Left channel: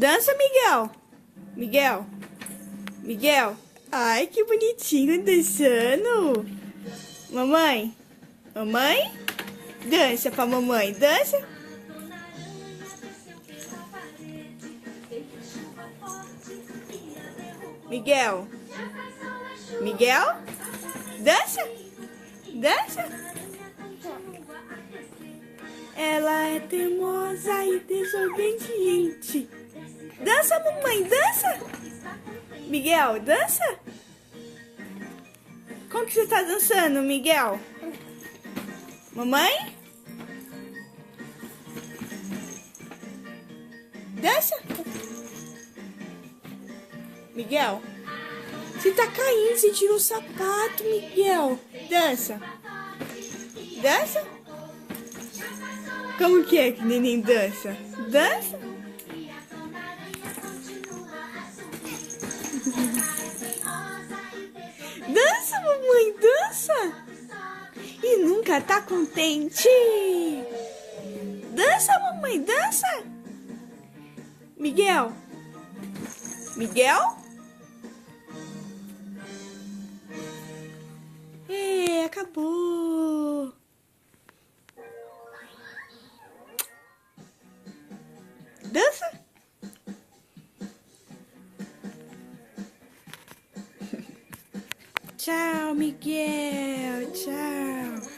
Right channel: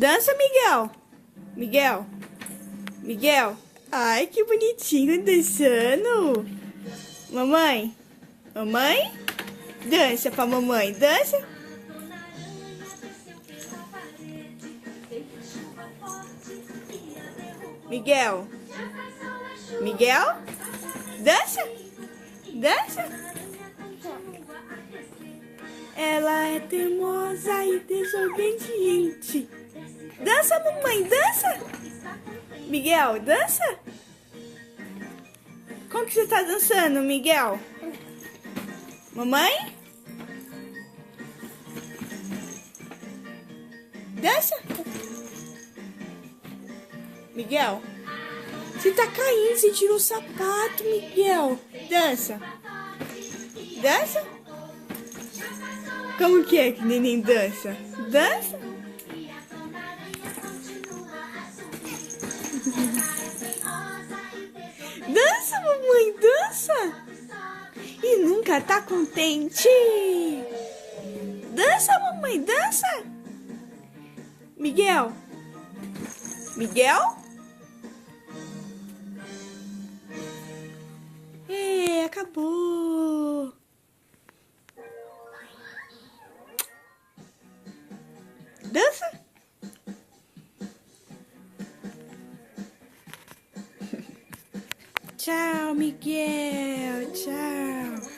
Dança, Miguel. Miguel. Miguel. Ai, que bonitinho dançando. Mamãe. Mamãe. Dança pra mamãe. Dança. Miguel. Miguel. Dança. Dança. Ela é teimosa e desobediente. Dança, mamãe, dança. Miguel, dança. Como que você tá dançando, Miguel? Mamãe? Dança. Miguel? Você tá caindo, você tirou o sapato, Miguel. Dança. Dança? Como que é que neném dança? Dança? Dança, mamãe, dança! E nunca tá contente? Dança, mamãe, dança! Miguel? Miguel? É, acabou! Dança? Tchau, Miguel. Tchau.